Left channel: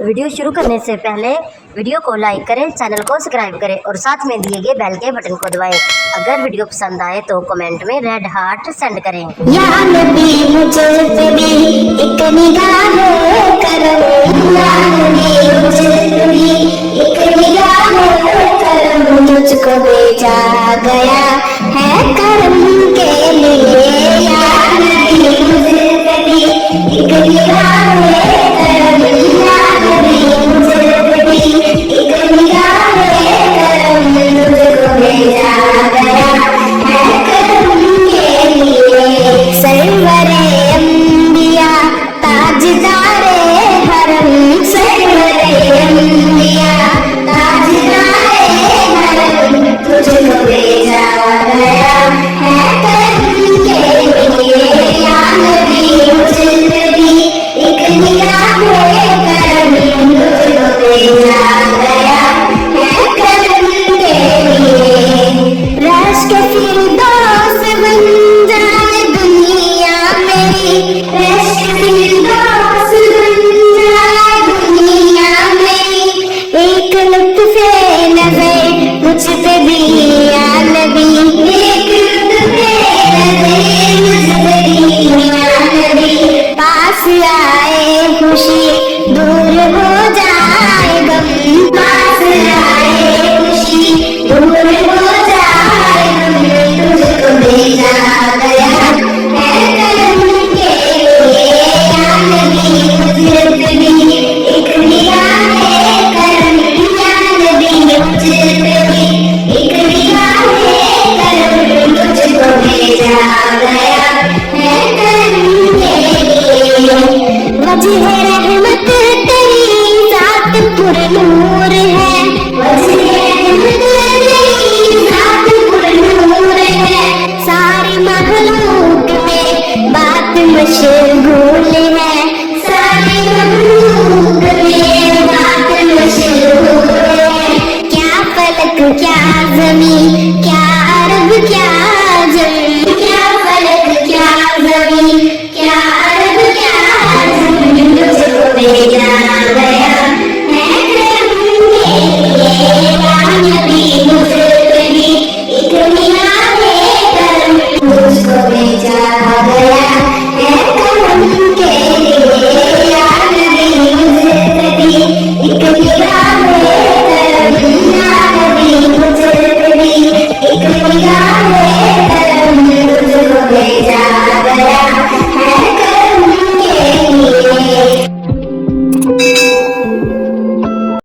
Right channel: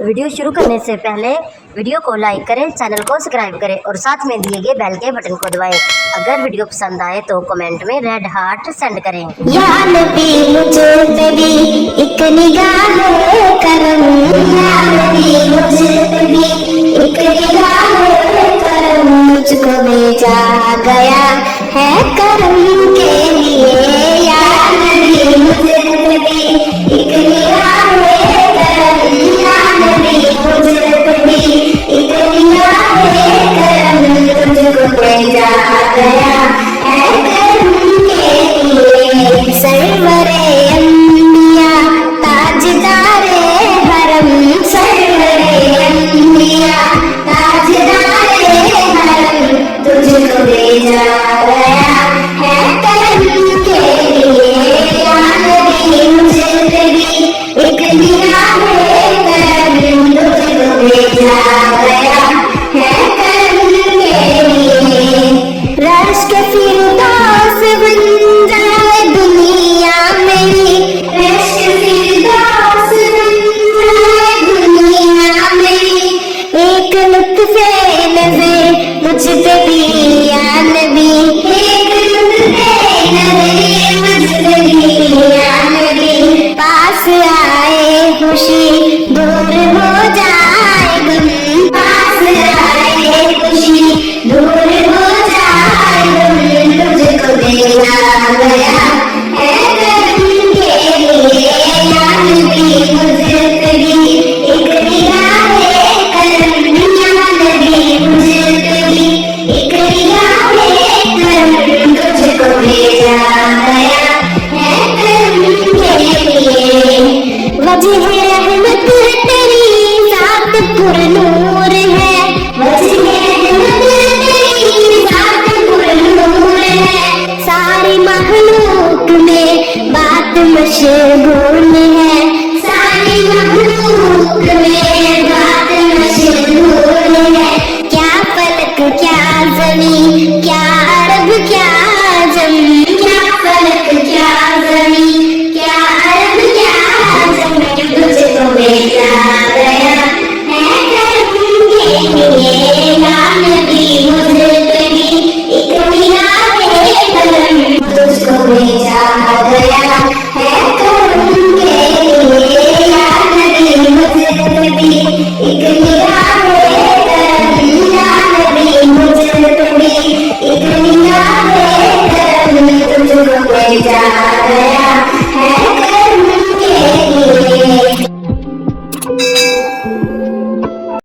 Video शुरू करने से पहले वीडियो को लाइक करें, चैनल को सब्सक्राइब करें और साथ में दिए गए बेल के बटन को दबाएं। अगर वीडियो पसंद आए तो कमेंट में रेड हार्ट सेंड करें। या नबी मुझे पे भी एक निगाह करो।